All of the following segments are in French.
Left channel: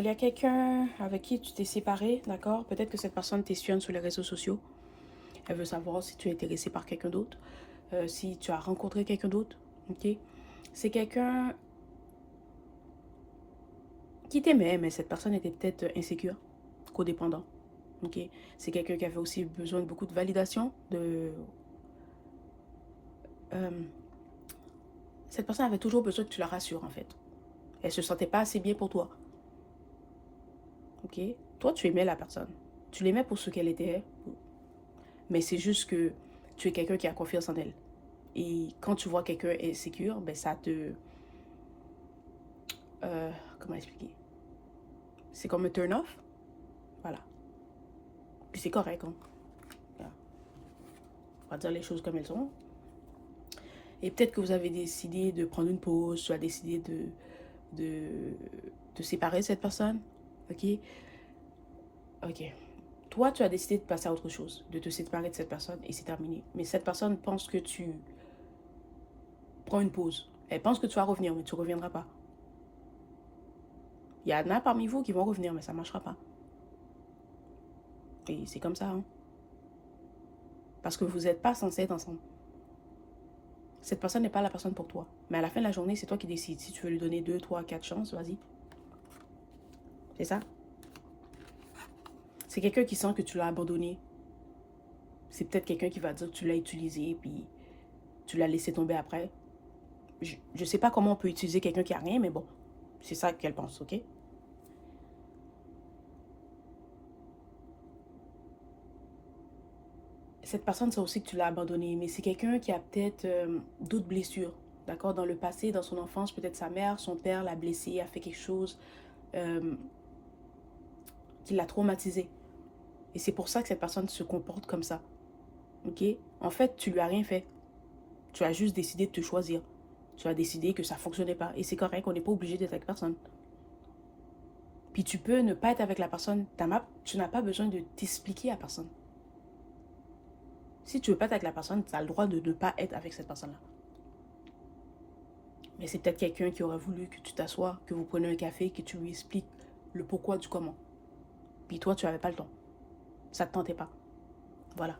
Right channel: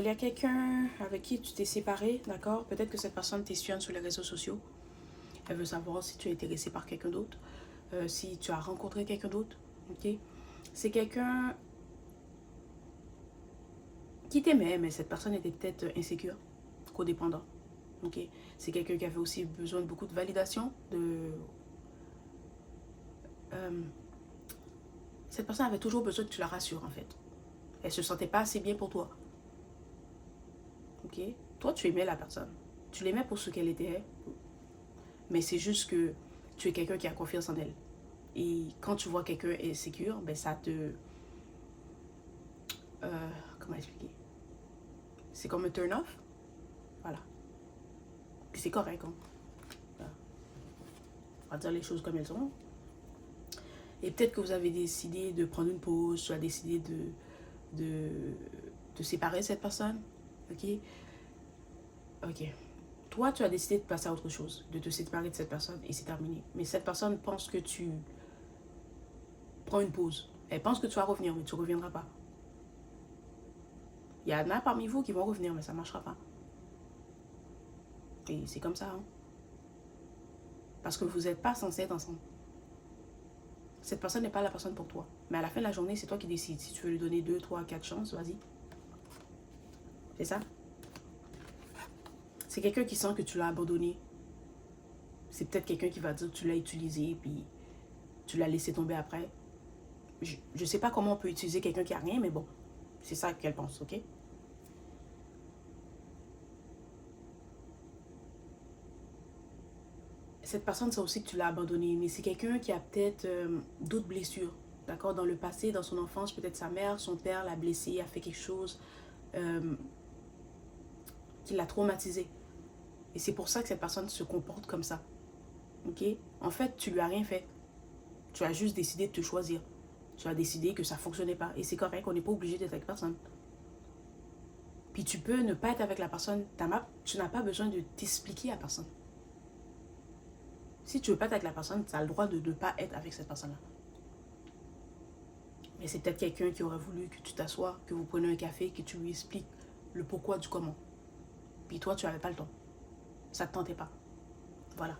Il y a quelqu'un avec qui tu t'es séparé, d'accord? Peut-être que cette personne t'espionne sur les réseaux sociaux. Elle veut savoir si tu es intéressé par quelqu'un d'autre, si tu as rencontré quelqu'un d'autre, ok? C'est quelqu'un qui t'aimait, mais cette personne était peut-être insécure, codépendant, ok? C'est quelqu'un qui avait aussi besoin de beaucoup de validation, euh, cette personne avait toujours besoin que tu la rassures, en fait. Elle se sentait pas assez bien pour toi, ok? Toi, tu aimais la personne. Tu l'aimais pour ce qu'elle était, mais c'est juste que tu es quelqu'un qui a confiance en elle. Et quand tu vois quelqu'un insécure, ben ça te... comment expliquer? C'est comme un turn off. Voilà. Puis c'est correct, hein. Voilà. On va dire les choses comme elles sont. Et peut-être que vous avez décidé de prendre une pause, tu as décidé de, de séparer de cette personne. Ok? Ok. Toi, tu as décidé de passer à autre chose, de te séparer de cette personne et c'est terminé. Mais cette personne pense que tu prends une pause. Elle pense que tu vas revenir, mais tu ne reviendras pas. Il y en a parmi vous qui vont revenir, mais ça ne marchera pas. Et c'est comme ça, hein. Parce que vous n'êtes pas censé être ensemble. Cette personne n'est pas la personne pour toi. Mais à la fin de la journée, c'est toi qui décides. Si tu veux lui donner 2, 3, 4 chances, vas-y. C'est ça. C'est quelqu'un qui sent que tu l'as abandonné. C'est peut-être quelqu'un qui va dire que tu l'as utilisé, puis tu l'as laissé tomber après. Je sais pas comment on peut utiliser quelqu'un qui a rien, mais bon, c'est ça qu'elle pense, ok? Cette personne sait aussi que tu l'as abandonné, mais c'est quelqu'un qui a peut-être d'autres blessures, d'accord? Dans le passé, dans son enfance, peut-être sa mère, son père l'a blessé, a fait quelque chose euh, qui l'a traumatisé. Et c'est pour ça que cette personne se comporte comme ça, ok? En fait, tu lui as rien fait. Tu as juste décidé de te choisir. Tu as décidé que ça fonctionnait pas. Et c'est correct, on n'est pas obligé d'être avec personne. Puis tu peux ne pas être avec la personne. Tu n'as pas besoin de t'expliquer à personne. Si tu veux pas être avec la personne, tu as le droit de ne pas être avec cette personne-là. Mais c'est peut-être quelqu'un qui aurait voulu que tu t'assoies, que vous preniez un café, que tu lui expliques le pourquoi du comment. Puis toi, tu n'avais pas le temps. Ça ne te tentait pas. Voilà.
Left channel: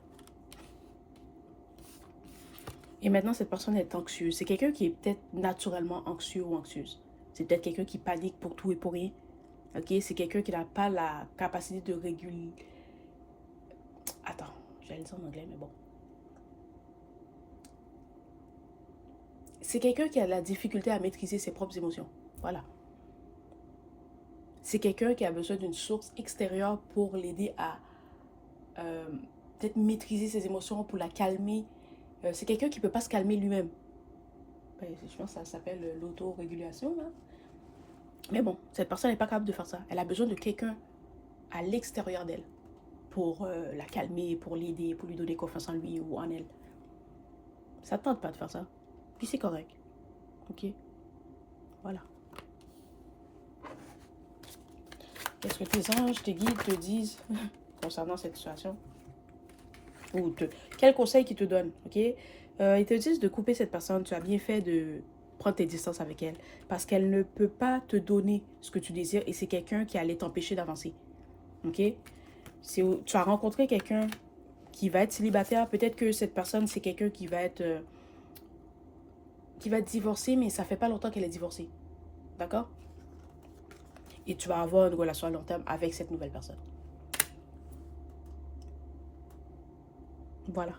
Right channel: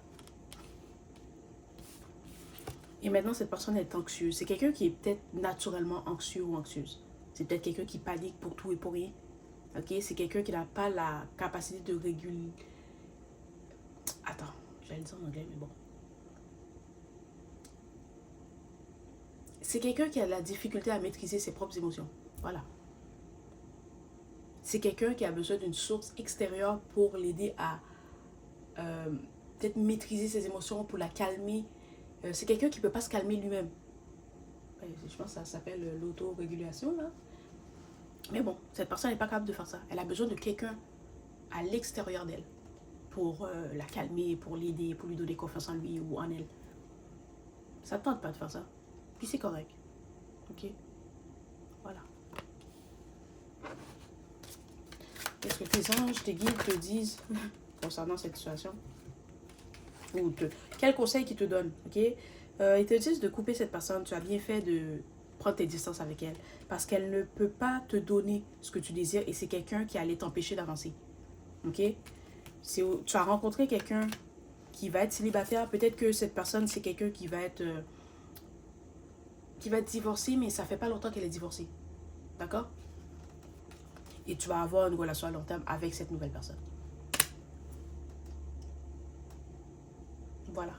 Et maintenant, cette personne est anxieuse. C'est quelqu'un qui est peut-être naturellement anxieux ou anxieuse. C'est peut-être quelqu'un qui panique pour tout et pour rien. Ok, c'est quelqu'un qui n'a pas la capacité de réguler. Attends, j'allais le dire en anglais, mais bon. C'est quelqu'un qui a la difficulté à maîtriser ses propres émotions. Voilà. C'est quelqu'un qui a besoin d'une source extérieure pour l'aider à euh, peut-être maîtriser ses émotions, pour la calmer. C'est quelqu'un qui ne peut pas se calmer lui-même. Ouais, je pense que ça s'appelle l'autorégulation, là. Mais bon, cette personne n'est pas capable de faire ça. Elle a besoin de quelqu'un à l'extérieur d'elle pour la calmer, pour l'aider, pour lui donner confiance en lui ou en elle. Ça ne tente pas de faire ça. Puis c'est correct. Ok? Voilà. Qu'est-ce que tes anges, tes guides te disent concernant cette situation? Ou quel conseil qu'ils te donnent? Ok? Ils te disent de couper cette personne. Tu as bien fait de prendre tes distances avec elle. Parce qu'elle ne peut pas te donner ce que tu désires et c'est quelqu'un qui allait t'empêcher d'avancer. Ok? Tu as rencontré quelqu'un qui va être célibataire. Peut-être que cette personne, c'est quelqu'un qui va être divorcé, mais ça fait pas longtemps qu'elle est divorcée. D'accord? Et tu vas avoir une relation à long terme avec cette nouvelle personne. Voilà.